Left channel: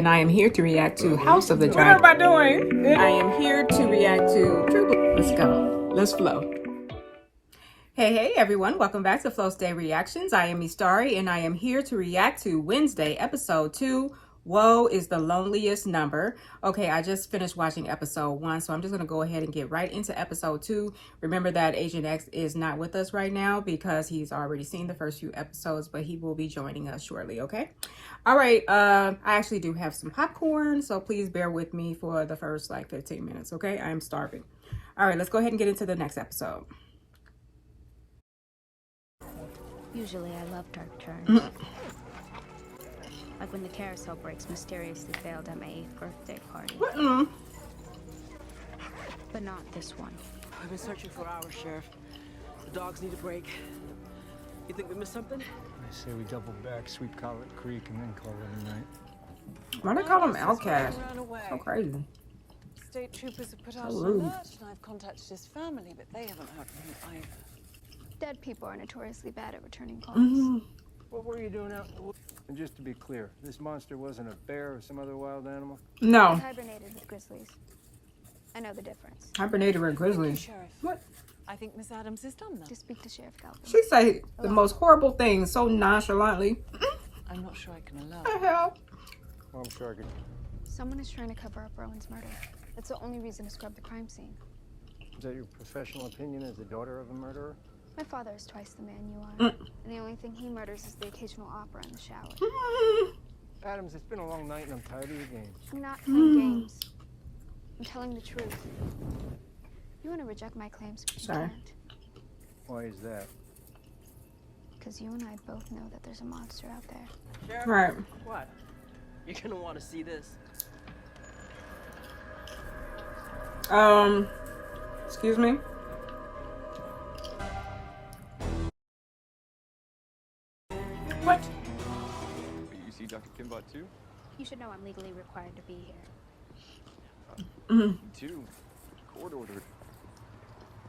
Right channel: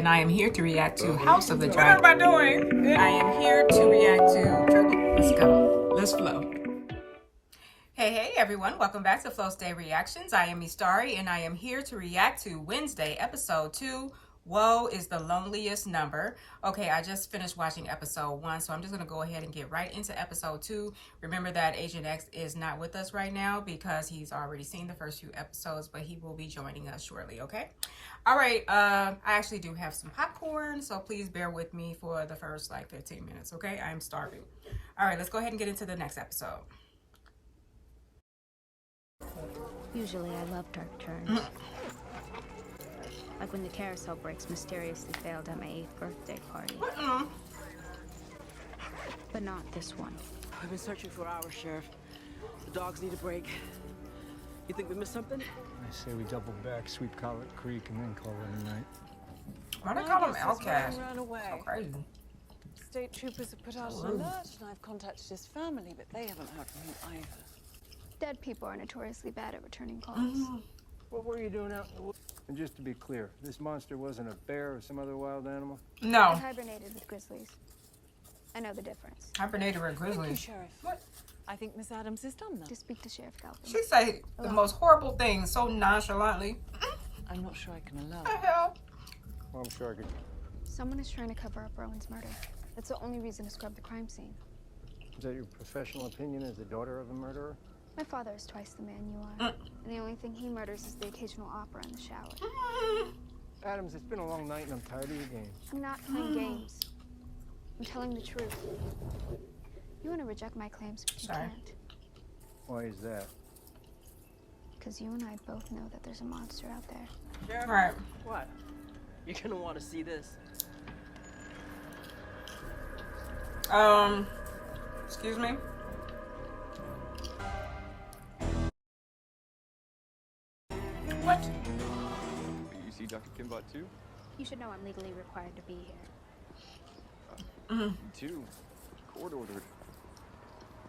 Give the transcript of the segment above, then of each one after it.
And I am here to react to House of the Dragon. What am I doing? I am here to react to True Blue. Let's go. Let's flow. Hey everyone, welcome back to Flow State Reactions. I am Istari and I am here to react to Wednesday episode 2. Woe is the loneliest number. Okay, I just finished watching episode 1, so I'm just going to go ahead and get right into episode 2. Remember that Agent X is not with us right now because he's already seen the first few episodes, but he will be joining us shortly, okay? All right, I actually do have some popcorn, so please bear with me for the first like 15 minutes, okay? I am starving. All right, let's go ahead and get into the next episode. Usually I love dark turns. Like when the carousel brakes mysteriously failed at my 8th birthday party. But not this one. I've been searching for hours, Sheriff. The dogs need a break. You think we missed something? I say we double back, sweep Collet Creek, and then call it a night. Why do they call him Outcast? So crazy. State troopers have put out an rude. alert, and I've contacted his family, but they haven't heard from him either. Dead people are notoriously bad at returning calls. What were you doing out in the woods? And just to be clear, this monster wasn't a bear or some other wild animal? No. It hibernated with grizzlies. I know the difference. Hibernated with Thank you, grizzlies. Sheriff. What? I think Miss Adams is done now. To speak to Sheriff Galpin. She say the most horrible things so nonchalantly. I'm not sure I can allow What it. the hell? Well, I'm sure I could. Someone is trying to cover up Rowan's murder. That's the only reason to scrub the crime scene. Is that your professional opinion as the daughter of a murderer? My father is twice the man you are. And the only thing he murders is the occasional opera in the shower. Adams, it's been a long night and I'm tired of your games. I'm not playing games. I'm telling the truth. You want to reject my claims, but you Sorry. can't. Why is that? Because you and I both know that there's a monster out there. Sheriff? Right. What? You're gonna want to see this. Excuse me? What? You see Dr. Kimbot too? You should know I'm legally required to be here. Me too. Court ordered.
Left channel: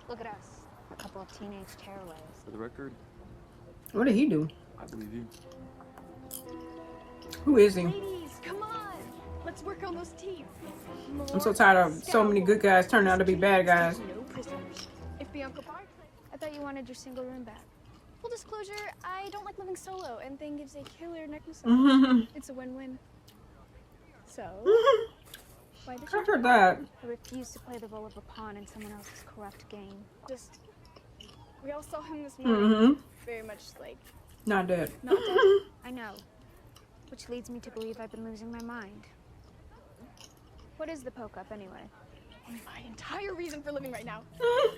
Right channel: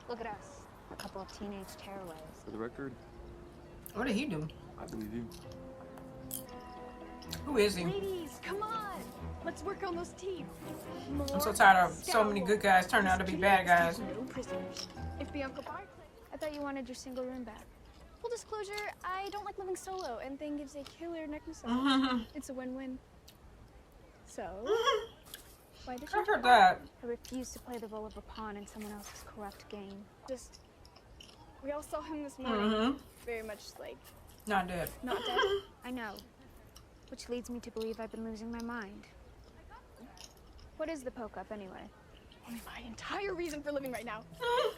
Look at us. A couple of teenage tearaways. For the record, What did he do? I believe you. Who is he? Ladies, come on! Let's work on those teeth. I'm so tired of so many good guys turning out to be bad guys. No prisoners. If Bianca Barclay... I thought you wanted your single room back. Full disclosure, I don't like living solo, and Thing gives a killer neck massage. It's a win-win. So, why did I you? heard that. I refuse to play the role of a pawn in someone else's corrupt game. Just, we all saw him this morning. Very much like, Not dead. Not dead. I know. Which leads me to believe I've been losing my mind. What is the poke up anyway? my entire reason for living right now.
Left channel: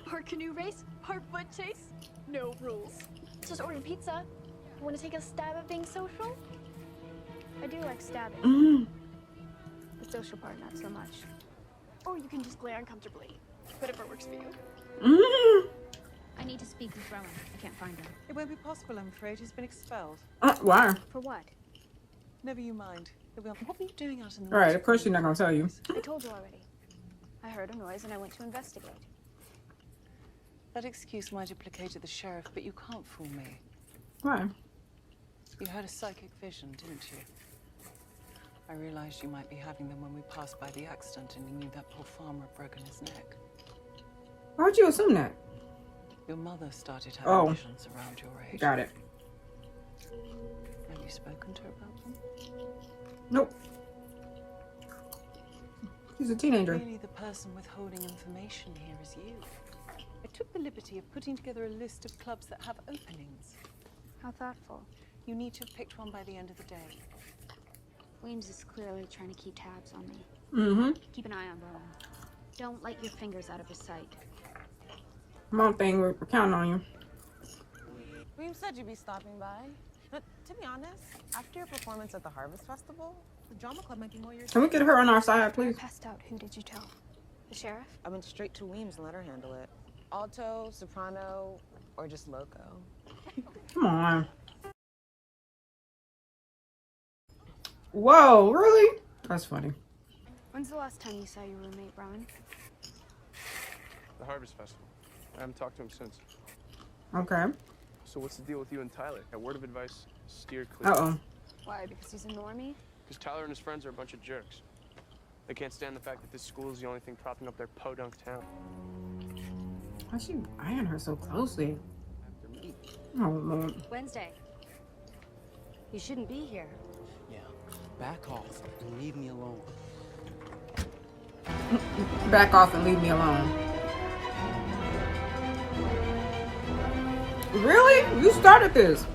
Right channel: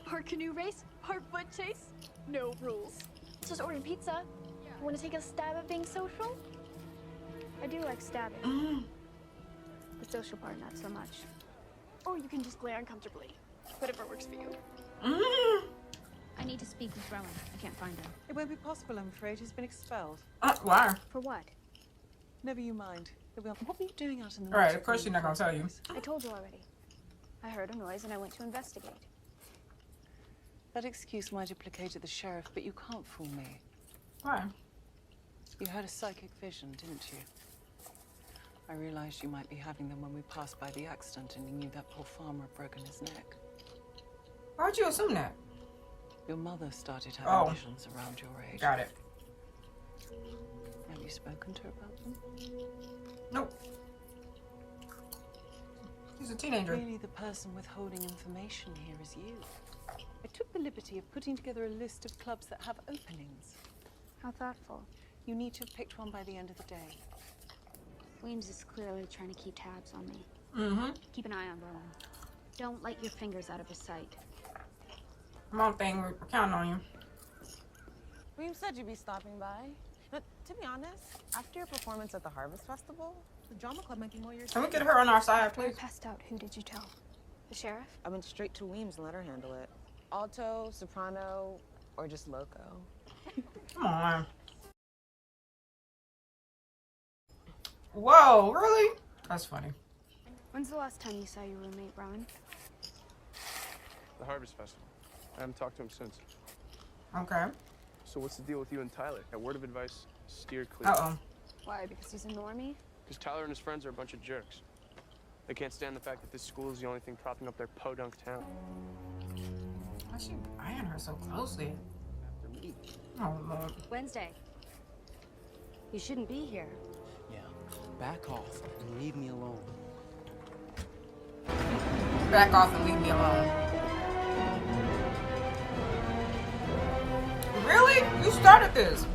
Part canoe race, part foot chase, no rules. Just ordered pizza. Want to take a stab at being social? I do like stabbing. The social part, not so much. Or you can just glare uncomfortably. Whatever works for you. I need to speak with Rowan. I can't find him. It won't be possible, I'm afraid. He's been expelled. Why? For what? Never you mind. What were you doing out in the All right, woods of course in she's not gonna tell you. I told you already. I heard a noise and I went to investigate. That excuse might have placated the sheriff, but you can't fool me. Why? You had a psychic vision, didn't you? I realized you might be having them when we passed by the accident and you knew that poor farmer had broken his neck. Why would you assume that? Your mother started having visions around your age. Got it. Have you spoken to her about them? Nope. He's a teenager. Really, the person withholding information here is you. I took the liberty of putting together a list of clubs that have openings. How thoughtful. You need to have picked one by the end of the day. Weems is clearly trying to keep tabs on me. Keep an eye on Rowan. Don't let your fingers out of his sight. Come on, thing, we're counting on you. We've said you'd be stopping by. But to be honest, after your performance at the Harvest Festival, the drama club might be more your Can we get her on our side, I please? passed out. Who did you tell? The sheriff? I went straight to Weems and let her handle it. Alto, soprano, or just loco. Come on. Whoa, really? That's funny. When's the last time you saw your roommate, Rowan? The Harvest Festival. I haven't talked to him since. Okay. So what's the deal with you and Tyler? A word of advice, steer clear. Uh-oh. Why? Because he's a normie? Because Tyler and his friends are a bunch of jerks. They can't stand the fact that this school is the only thing propping up their podunk town. Why's she eyeing her so closely? After me. Oh, Lord. Wednesday. You shouldn't be here. Yeah, back off and leave me alone. Back off and leave me alone. Really? You started this.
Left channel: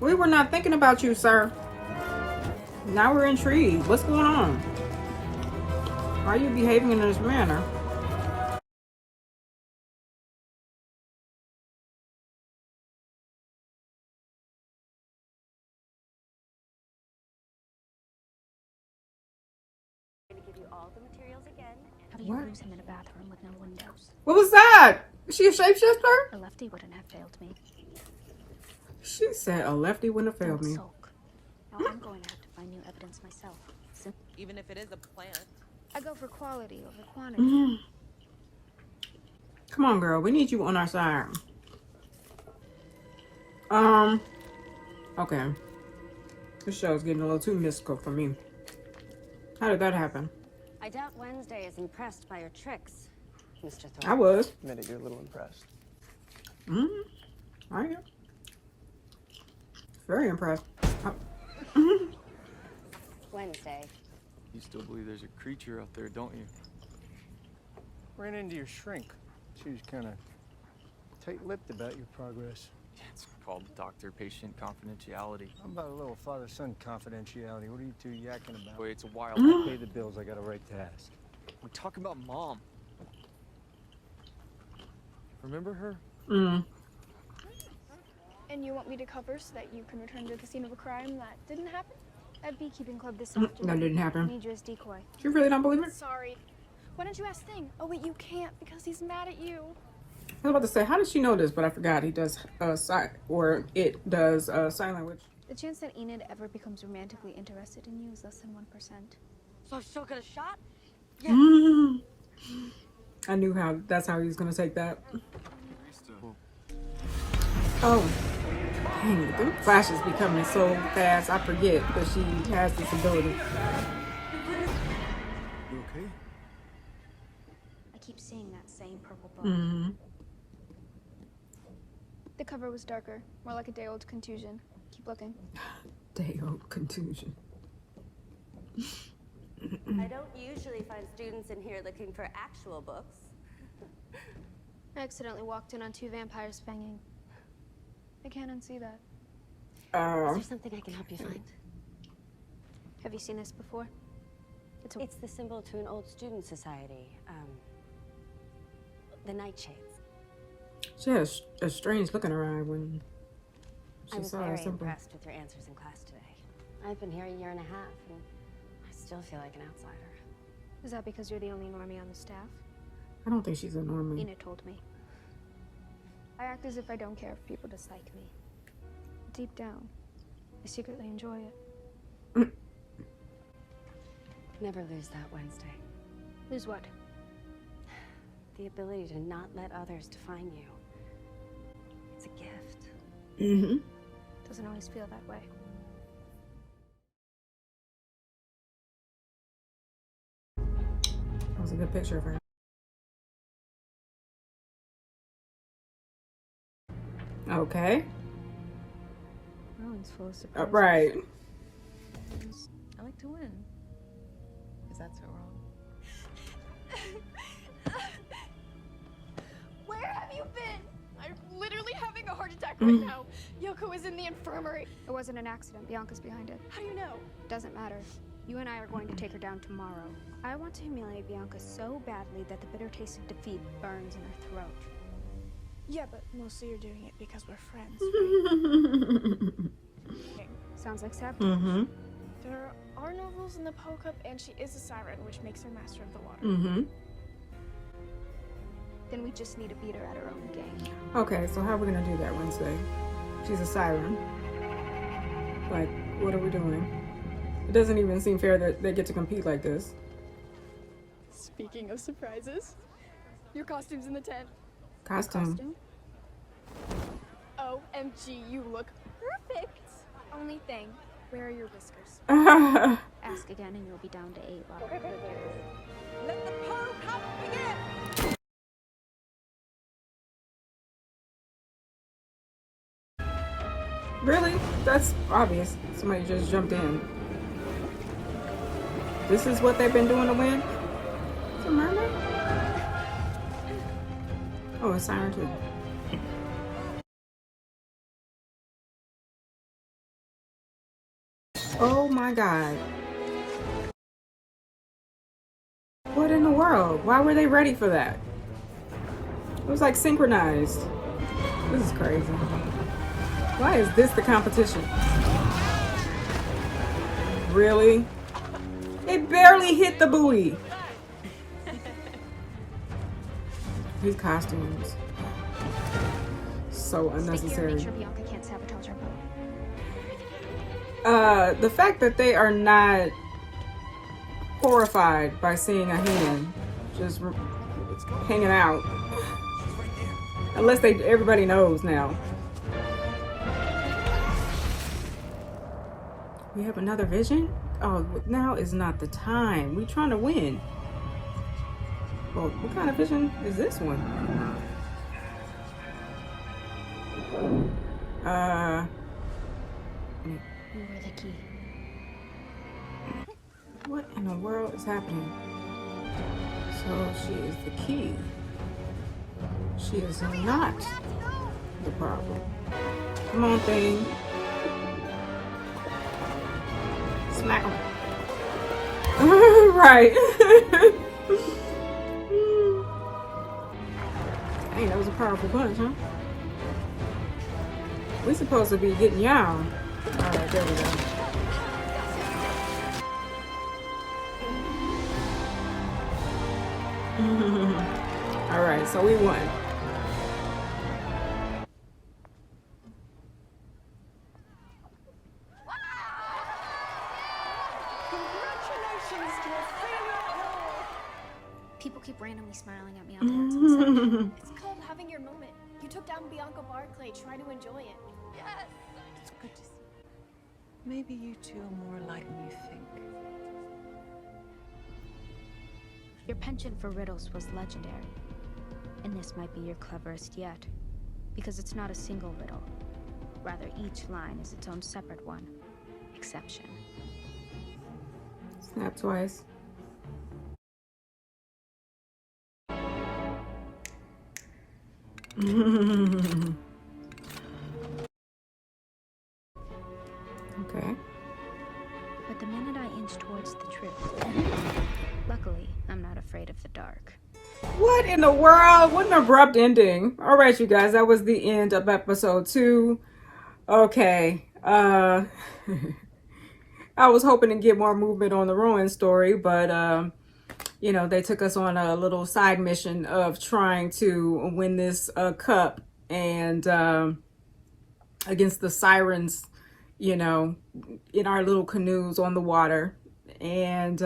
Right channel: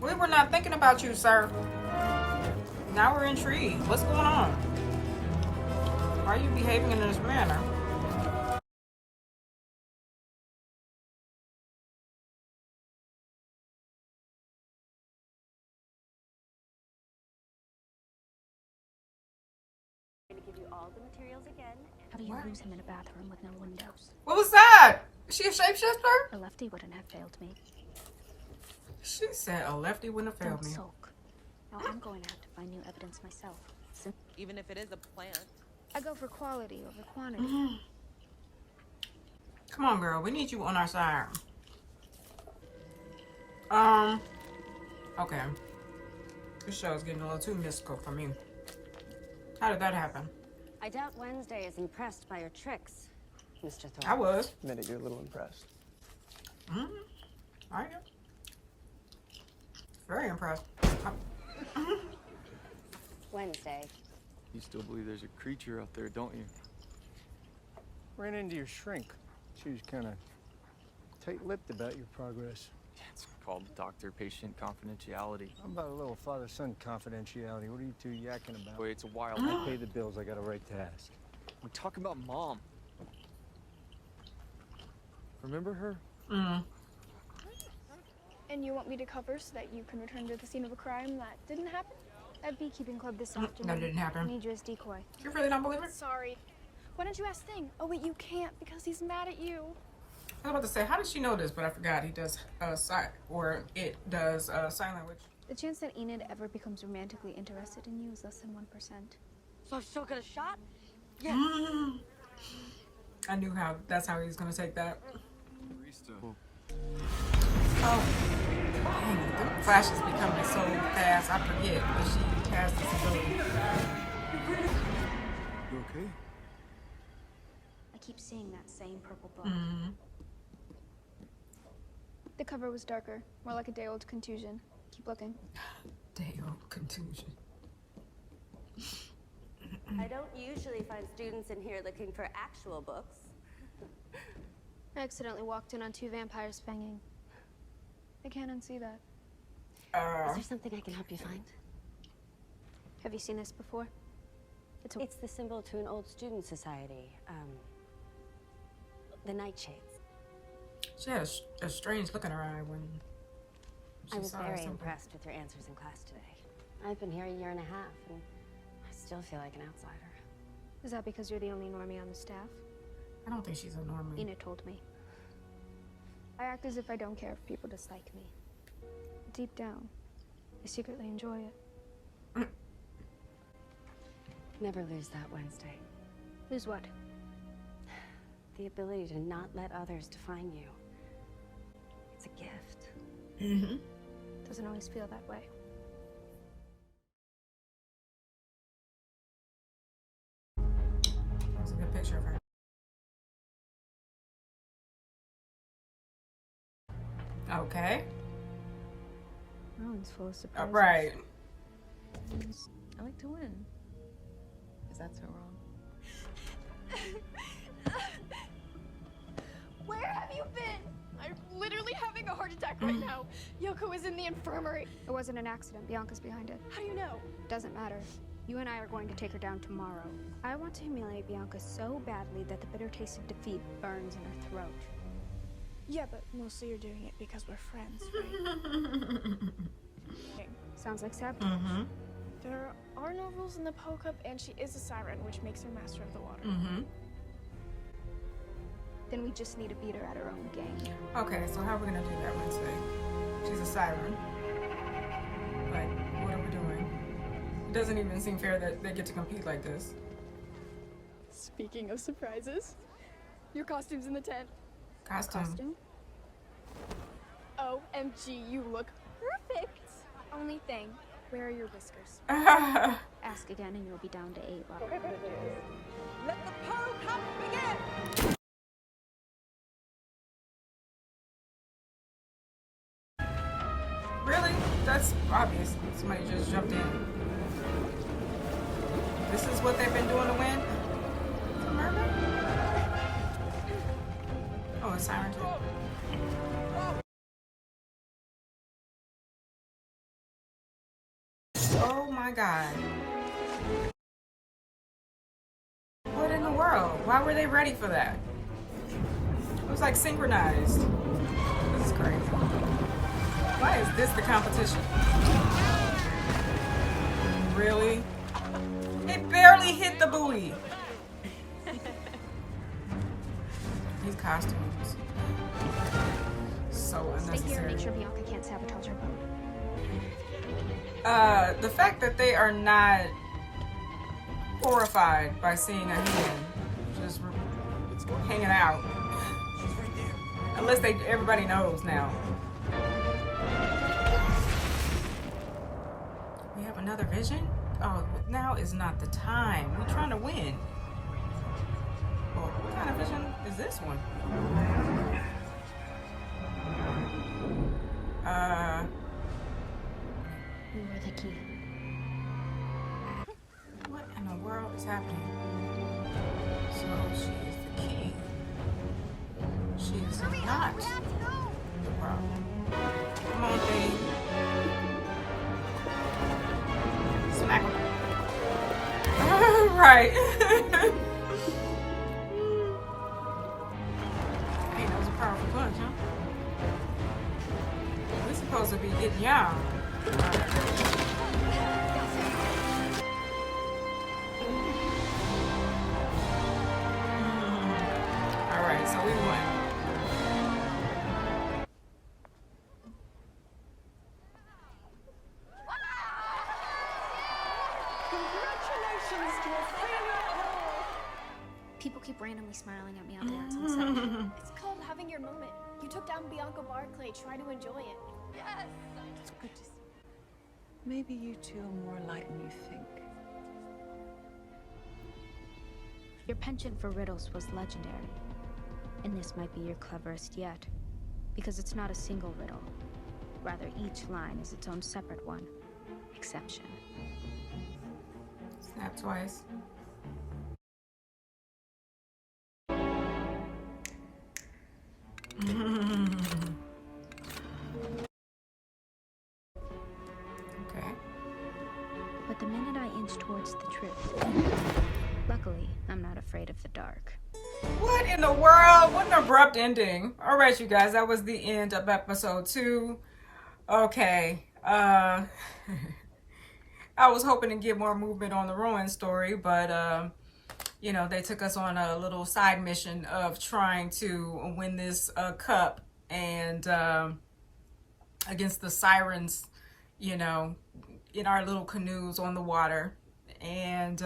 We were not thinking about you, sir. Now we're intrigued. What's going on? Why are you behaving in this manner? I'm going to give you all the materials again. How do you lose him in a bathroom with no windows? What was that? Is she a shapeshifter? A lefty wouldn't have failed me. She said a lefty wouldn't have failed Don't me. sulk. Now I'm going to have to find new evidence myself. Even if it is a plant. I go for quality over quantity. Come on, girl. We need you on our side. Okay. This show's getting a little too mystical for me. How did that happen? I doubt Wednesday is impressed by your tricks, Mr. Thorpe. I was. Admit it, you're a little impressed. I am. Very impressed. Wednesday. You still believe there's a creature out there, don't you? Ran into your shrink. She was kind of tight-lipped about your progress. It's called doctor-patient confidentiality. How about a little father-son confidentiality? What are you two yakking about? Wait, it's a wild. I pay the bills. I got a right to ask. We're talking about Mom. Remember her? And you want me to cover so that you can return to the scene of a crime that didn't happen? At Beekeeping Club this afternoon. That didn't happen. I need you as decoy. You really don't believe it? Sorry. Why don't you ask Thing? Oh wait, you can't because he's mad at you. I was about to say, how did she know this? But I forgot he does it does sign language. The chance that Enid ever becomes romantically interested in you is less than 1%. So I've still got a shot? I knew that's how he was gonna take that. Oh, dang it! Them flashes be coming so fast. I forget that she has this ability. You okay? I keep seeing that same purple book. The cover was darker, more like a day-old contusion. Keep looking. Day-old contusion. I don't usually find students in here looking for actual books. I accidentally walked in on 2 vampires banging. I can't unsee that. Is there something I can help you find? Have you seen this before? It's the symbol to an old student society. The Nightshades. She had a strange look in her eye when she I was saw her very symbol. impressed with your answers in class today. I've been here a year and a half, and I still feel like an outsider. Is that because you're the only normie on the staff? I don't think she's a normie. Enid told me. I act as if I don't care if people dislike me. Deep down, I secretly enjoy it. Never lose that, Wednesday. Lose what? The ability to not let others define you. It's a gift. Doesn't always feel that way. That was a good picture of her. Okay. Rowan's full of surprises. Right. I like to win. Is that so wrong? Where have you been? I'm literally having a heart attack right now. Yoko is in the infirmary. It wasn't an accident. Bianca's behind it. How do you know? Doesn't matter. You and I are going to take her down tomorrow. I want to humiliate Bianca so badly that the bitter taste of defeat burns in her throat. Yeah, but mostly you're doing it because we're friends, right? Sounds like sabotage. There are no rules in the Poe Cup, and she is a siren, which makes her master of the water. Then we just need to beat her at her own game. Okay, so how are we gonna do that Wednesday? She's a siren. Like, what are we doing? It doesn't even seem fair that they get to compete like this. Speaking of surprises, your costume's in the tent. Costume. OMG, you look perfect. Only thing, Where are your whiskers? Ask again and you'll be down to 8 left. Let the Poe Cup begin! Really? That's obvious. Somebody just jumped in. This is what they've been doing to win? It's a mermaid? Oh, a siren too. Oh my god. What in the world? Why were they ready for that? It was like synchronized. This is crazy. Why is this the competition? Really? It barely hit the buoy. These costumes. So Stay here and unnecessary. make sure Bianca can't sabotage our boat. The fact that they are not horrified by seeing a hand just hanging out. Unless everybody knows now. We have another vision? Oh, now is not the time. We're trying to win. Well, what kind of vision is this one? You were the key. What in the world is happening? So she is the key. She is not the problem. Come on, thing. Smack him. Right. Hey, that was a powerful punch, huh? We're supposed to be getting y'all. Alright, there we go. Alright, so we won. Congratulations to Ophelia Hall! People keep randomly smiling at me out there. It's unsettling. It's called having your moment. You took down Bianca Barclay. Try to enjoy it. Yes! It's good to see. Maybe you two are more alike than you think. Your penchant for riddles was legendary. And this might be your cleverest yet. Because it's not a single riddle. Rather, each line is its own separate one. Exception. Snap twice. Okay. But the minute I inch towards the truth, luckily, I'm not afraid of the dark. What in the world? What an abrupt ending. All right, you guys, that was the end of episode 2. Okay. I was hoping to get more movement on the Rowan story, but you know, they took us on a little side mission of trying to win this cup and against the sirens, you know, in our little canoes on the water. And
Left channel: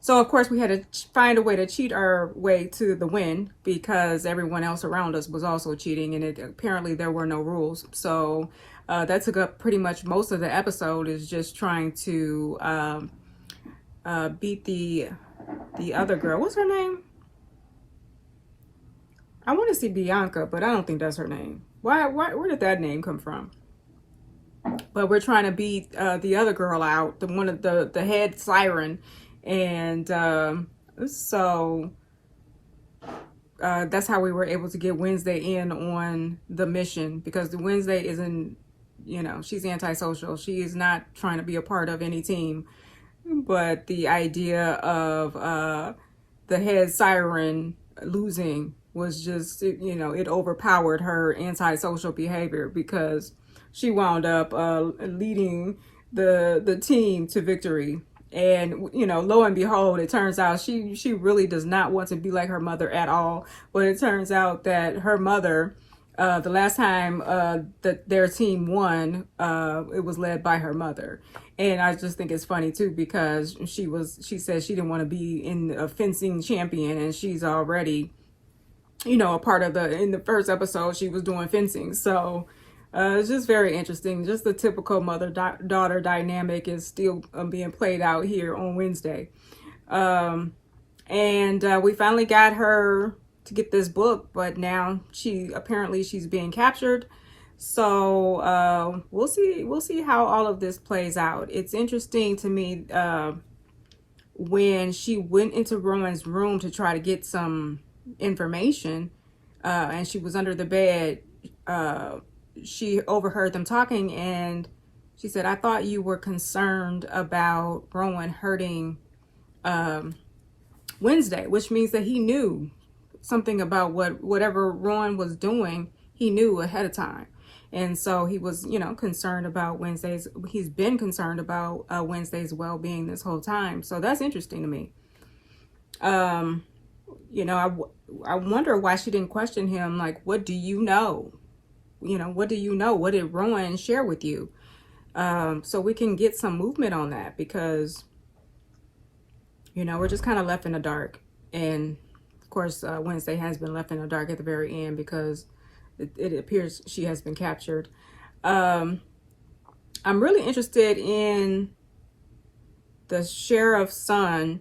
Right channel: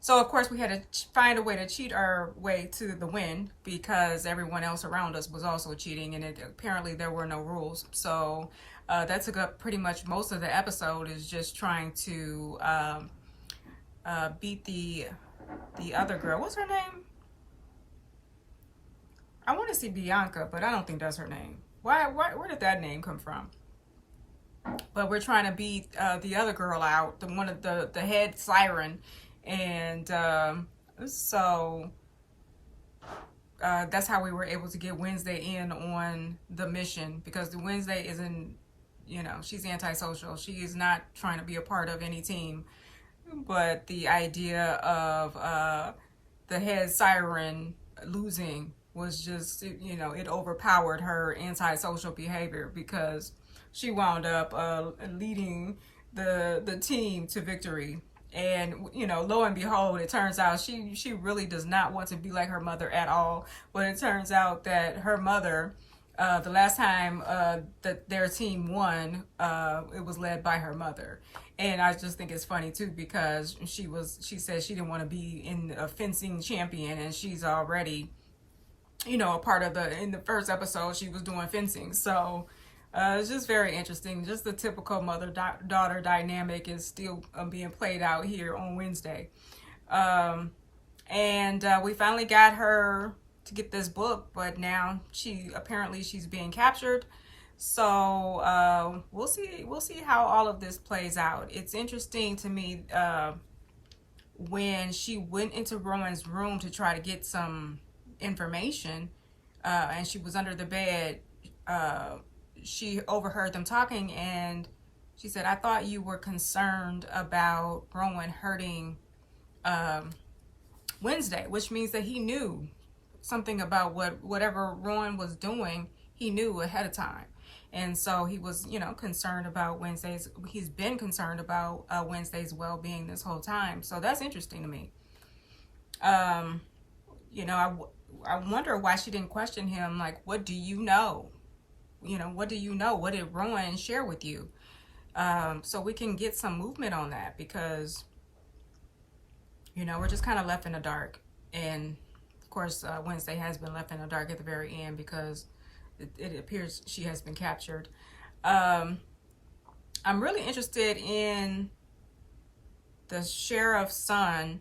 so of course we had to find a way to cheat our way to the win because everyone else around us was also cheating, and apparently there were no rules. So that took up pretty much most of the episode, is just trying to beat the other girl. What's her name? I want to see Bianca, but I don't think that's her name. Where did that name come from? But we're trying to beat the other girl out, the one of the head siren, and so that's how we were able to get Wednesday in on the mission, because the Wednesday isn't, you know, she's antisocial. She is not trying to be a part of any team. But the idea of the head siren losing was just, you know, it overpowered her antisocial behavior, because she wound up leading the team to victory. And, you know, lo and behold, it turns out she really does not want to be like her mother at all. But it turns out that her mother, the last time that their team won, it was led by her mother. And I just think it's funny too, because she said she didn't want to be in a fencing champion, and she's already, you know, a part of in the first episode she was doing fencing. So It's just very interesting. Just the typical mother-daughter dynamic is still being played out here on Wednesday. And we finally got her to get this book, but now she's being captured. So we'll see how all of this plays out. It's interesting to me when she went into Rowan's room to try to get some information, and she was under the bed, she overheard them talking, and she said, "I thought you were concerned about Rowan hurting Wednesday," which means that he knew something about whatever Rowan was doing. He knew ahead of time. And so he was, you know, concerned about Wednesday's, he's been concerned about Wednesday's well-being this whole time. So that's interesting to me. You know, I wonder why she didn't question him. Like, what do you know? You know, what do you know? What did Rowan share with you? So we can get some movement on that, because, you know, we're just kind of left in the dark. And of course, Wednesday has been left in the dark at the very end, because it appears she has been captured. I'm really interested in the sheriff's son,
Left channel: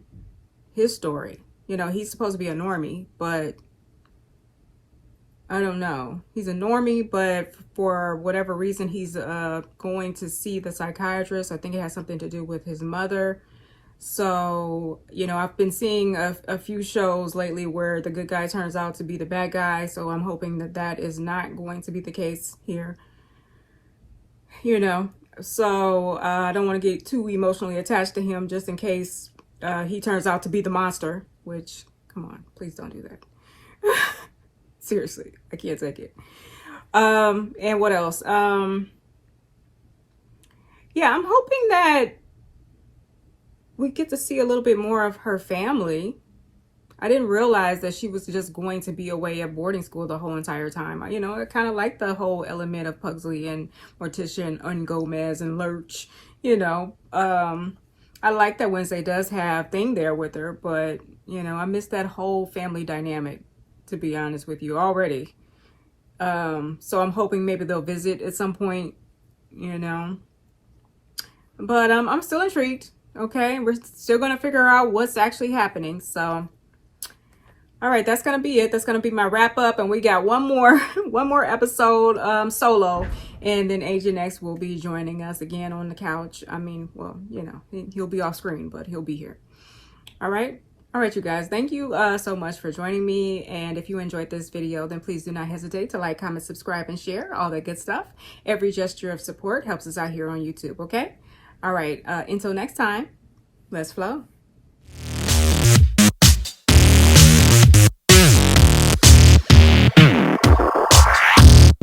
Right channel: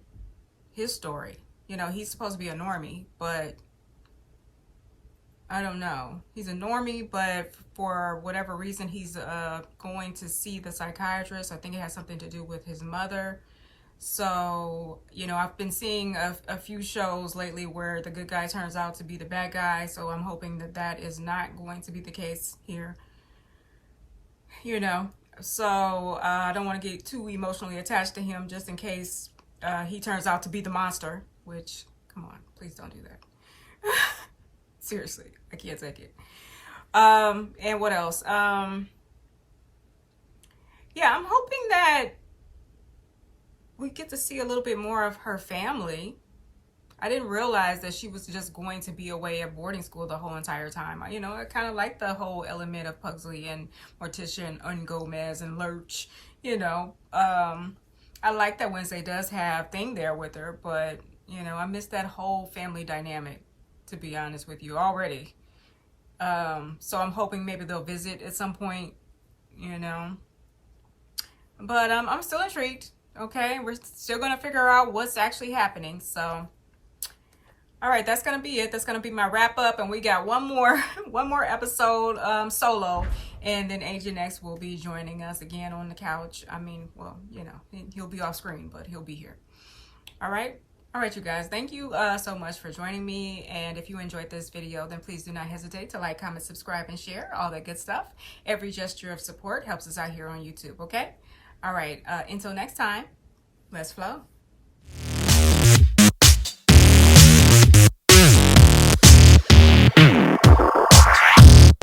his story. You know, he's supposed to be a normie, but I don't know. He's a normie, but for whatever reason, he's going to see the psychiatrist. I think it has something to do with his mother. So, you know, I've been seeing a few shows lately where the good guy turns out to be the bad guy. So I'm hoping that that is not going to be the case here. You know, so I don't want to get too emotionally attached to him, just in case he turns out to be the monster, which, come on, please don't do that. Seriously, I can't take it. And what else? Yeah, I'm hoping that we get to see a little bit more of her family. I didn't realize that she was just going to be away at boarding school the whole entire time. You know, I kind of like the whole element of Pugsley and Morticia and Gomez and Lurch, you know. I like that Wednesday does have Thing there with her, but, you know, I miss that whole family dynamic, to be honest with you, already. So I'm hoping maybe they'll visit at some point, you know. But I'm still intrigued. Okay, we're still going to figure out what's actually happening. So, all right, that's going to be it. That's going to be my wrap up. And we got one more episode solo. And then Agent X will be joining us again on the couch. I mean, well, you know, he'll be off screen, but he'll be here. All right. All right, you guys, thank you so much for joining me. And if you enjoyed this video, then please do not hesitate to like, comment, subscribe, and share, all that good stuff. Every gesture of support helps us out here on YouTube, okay? All right, until next time, let's flow.